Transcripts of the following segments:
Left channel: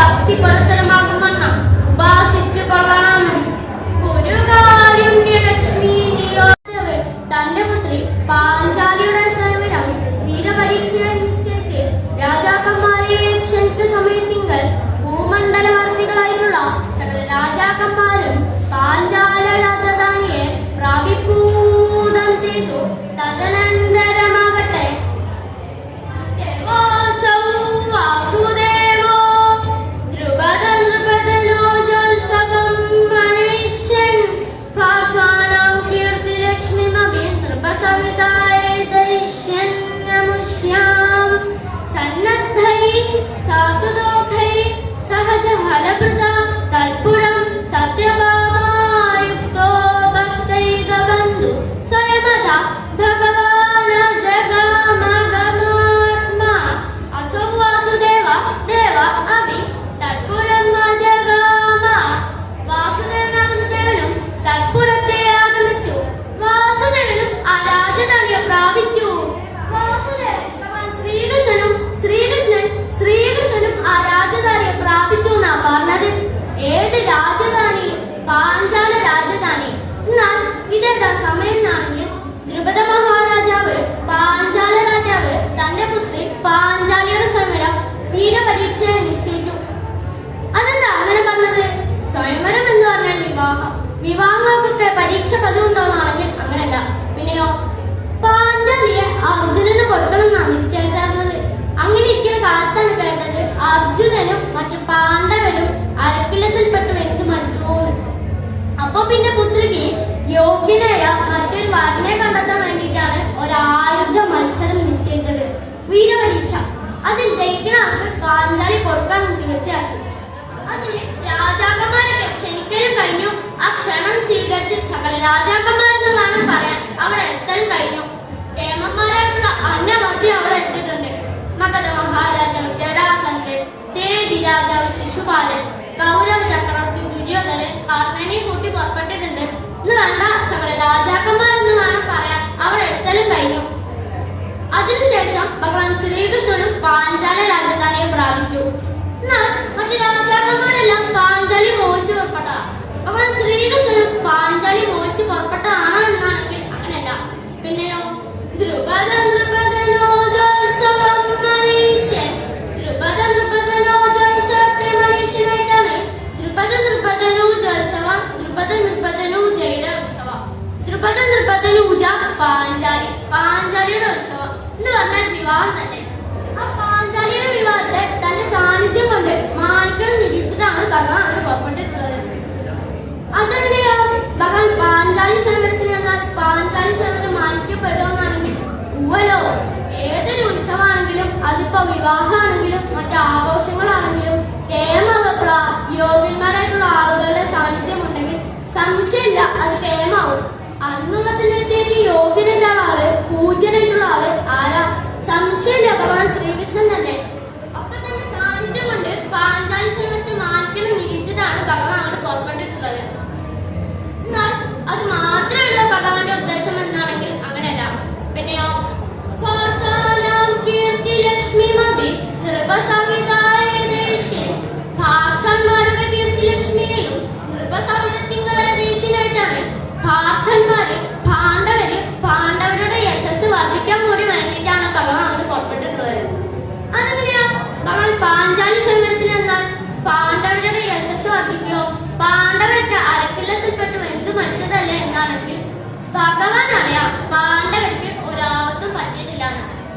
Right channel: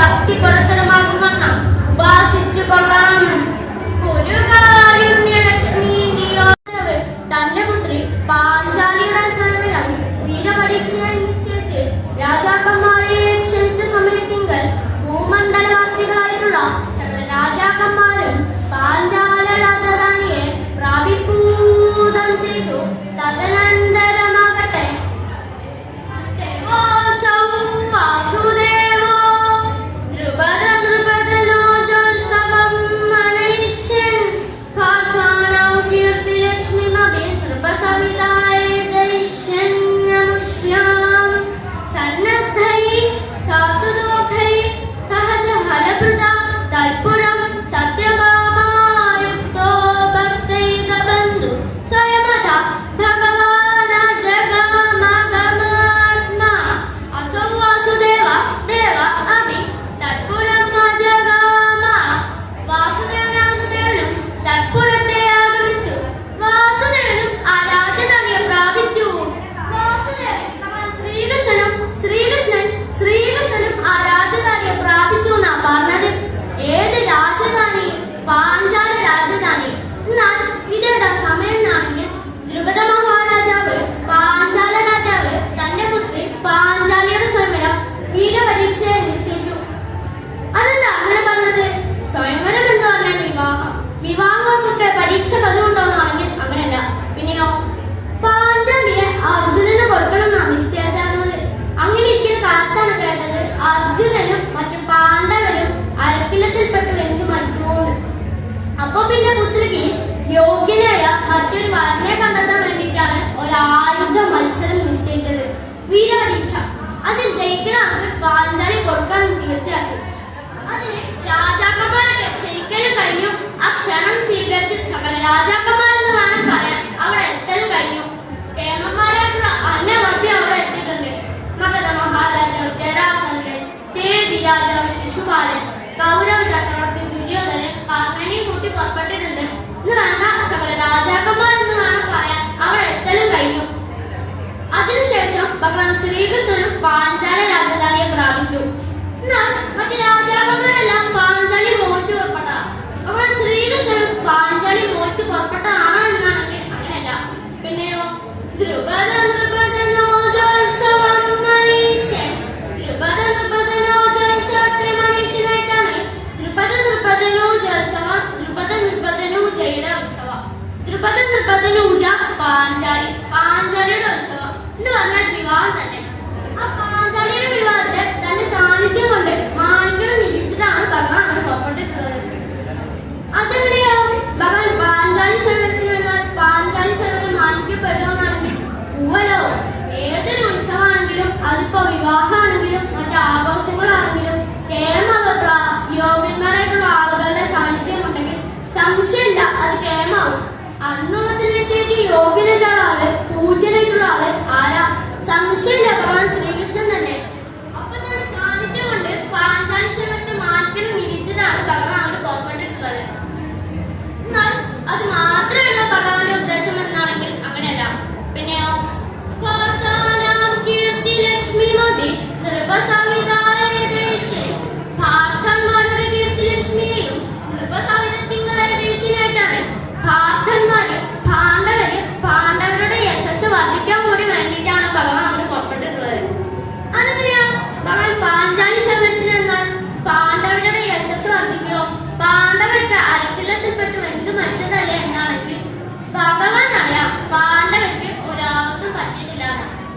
ഭക്തി പുരസരമാകും വണ്ണ ഉപാസിച്ചു കൊള്ളണം ഒരു കാരുണ്യലക്ഷ്മി നിയോജവ് തന്റെ പുത്രി പാഞ്ചാലിയുടെ സർവനം വീരപരീക്ഷയെ നിശ്ചയിച്ച് രാജാക്കന്മാരെ ക്ഷണിച്ച സമയത്തിങ്കൽ ഭൂമണ്ഡലവാസികളായിട്ടുള്ള സകല രാജാക്കന്മാരും പാഞ്ചാല രാജധാനിയെ പ്രാപിപ്പൂ. 감사합니다. പിന്നീട് സമയനാണെങ്കിൽ ദ്രുപദ മഹാരാജാവ് പാഞ്ചാല രാജാവ് തന്റെ പുത്രി പാഞ്ചാലിയുടെ സമരം വീരപരീക്ഷയെ നിശ്ചയിച്ചു. അതെന്താ അങ്ങനെ പറഞ്ഞത്? സ്വയംവരം എന്ന് പറഞ്ഞാൽ വിവാഹം. വിവാഹങ്ങൾക്കൊക്കെ പരീക്ഷ പതിവുണ്ടോന്നാണെങ്കിൽ അങ്ങനല്ല. പിന്നെയോ? പാഞ്ചാലിയെ അർജുനന് കൊടുക്കണം എന്നാണ് നിശ്ചയിച്ചിരുന്നത്. അങ്ങനെ ഇരിക്കുന്ന കാലത്താണ് കേട്ടത്. ആൾക്ക് പാഞ്ചാലി കൊടുക്കാൻ തീർച്ചയാക്കി. അതിന് രാജാക്കന്മാരൊക്കെ ക്ഷണിക്കലും കഴിഞ്ഞു. ആ ക്ഷണം സ്വീകരിച്ച് സകല രാജാക്കന്മാരെന്ന് വേണം പറയാൻ അവിടെ എത്തലും കഴിഞ്ഞു. കേമന്മാരായിട്ടുള്ള അന്നവധി അവിടെ എത്തിയിട്ടുണ്ട്. മഗധ മഹാരാജാവ് ജരാസന്ധൻ തേജി രാജാവ് ശിശുപാലൻ കൗരവ ചക്രവർത്തി ദുര്യോധനൻ കാർക്കണി കൂട്ടി പുറപ്പെട്ടിട്ടുണ്ട്. എന്ന് വേണ്ട സകല രാജാക്കന്മാരെന്ന് വേണം പറയാൻ അവിടെ എത്തലും കഴിഞ്ഞു. അതിനുശേഷം ഭഗവാൻ ശ്രീകൃഷ്ണനും പാഞ്ചാല രാജധാനിയെ പ്രാപിച്ചു. എന്നാൽ മറ്റു രാജാക്കന്മാരെല്ലാം പാഞ്ചാലി മോഹിച്ചു പുറപ്പെട്ടതാ ഭഗവാൻ ശ്രീകൃഷ്ണനും പാഞ്ചാലി മോഹിച്ചു പുറപ്പെട്ടതാണോ എന്നാണെങ്കിൽ അങ്ങനെയല്ല. പിന്നെയോ ദ്രുപദ നൃപദനോ ജോത്സവം മനീഷ്യൻ. ദ്രുപദ നൃപദനോ ജോത്സവത്തെ മനീഷ്യനായിട്ടാണ് ദ്രുപദ നൃപദനോ ജോത്സവം ദ്രുപദ നൃപദനോ ജൈന ഉത്സവം ദ്രുപദ നൃപദനൂജ പാഞ്ചാലി പറഞ്ഞാൽ വിവാഹം തന്നെ. ആ പാഞ്ചാലിയുടെ വിവാഹത്തെ തന്റെ സാന്നിധ്യം കൊണ്ട് മാനിക്കണം നിരീക്ഷിച്ചിട്ടാണ് ഭഗവാൻ അവിടെ പുറപ്പെട്ടിട്ടുള്ളത്. അതെങ്ങനെയോ ഭഗവാൻ പാഞ്ചാലി സമരത്തിന് വന്നാൽ പാഞ്ചാലി സമരം മാനിക്കപ്പെടുമെന്നാണെങ്കിൽ ഉവലോ ഏതൊരു ഉത്സവമാണെങ്കിലും അതിപ്പോ വിവാഹമാണെങ്കിലും മറ്റു ആഘോഷങ്ങളാണെങ്കിലും കേമാവപ്പുള്ള യോഗ്യന്മാരായിട്ടുള്ള ആളുകളുടെ സാന്നിധ്യം ഉണ്ടെങ്കിൽ സംശയമില്ല അത് കേമാവും അന്നുള്ളതിൽ വെച്ചേക്ക് ഏറ്റവും അരക്കില്ലത്തിൽപ്പെട്ടു എന്ത് മറ്റതല്ല എന്നാണെങ്കിൽ ഭഗവാൻ അറിയാം പാണ്ഡവർക്ക് ഒരാപത്തും പറ്റിയിട്ടില്ല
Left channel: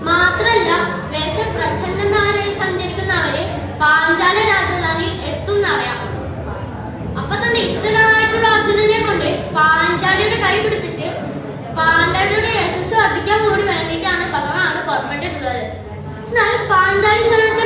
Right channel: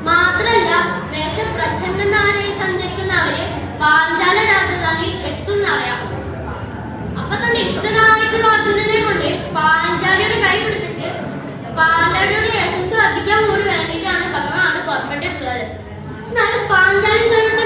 മാത്രല്ല വേഷപ്രച്ഛന്നമാരായി സഞ്ചരിക്കുന്നവര് പാഞ്ചാല രാജധാനിയിൽ എത്തുന്നറിയാം. അപ്പൊ തന്നെ ഇഷ്ടനായിട്ടുള്ള അർജുനനെ കൊണ്ട് പാഞ്ചാലിയുടെ കൈ പിടിപ്പിച്ച് പാണ്ഡവരുടെ യശസ് വർദ്ധിക്കാൻ കൂടി വേണ്ടിയിട്ടാണ് ഭഗവാൻ പുറപ്പെട്ടിട്ടുള്ളത്. എന്നാൽ പാഞ്ചാലി സ്വരത്തെ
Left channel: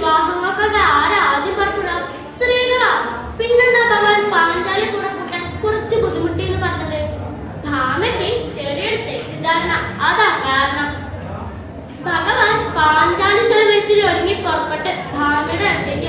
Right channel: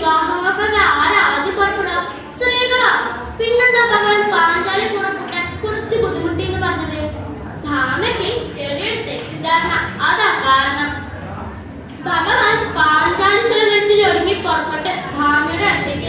വിവാഹങ്ങൾക്കൊക്കെ ആരാ ആദ്യം പുറപ്പെടുക സ്ത്രീകളാണ് പിന്നെന്താ ഭഗവാൻ പാഞ്ചാലി കൂടെ കൂട്ടാൻ കുറച്ച് ബുദ്ധിമുട്ടി എന്ന് പറഞ്ഞത്? ഭാമയ്ക്ക് ചെറിയൊരു തെറ്റിദ്ധാരണ. അതാ കാരണം. ഭഗവാൻ പാഞ്ചാലി സ്വരത്തിൽ ഒരുങ്ങി പുറപ്പെട്ട് ഭാമയുടെ അടുത്തേക്ക്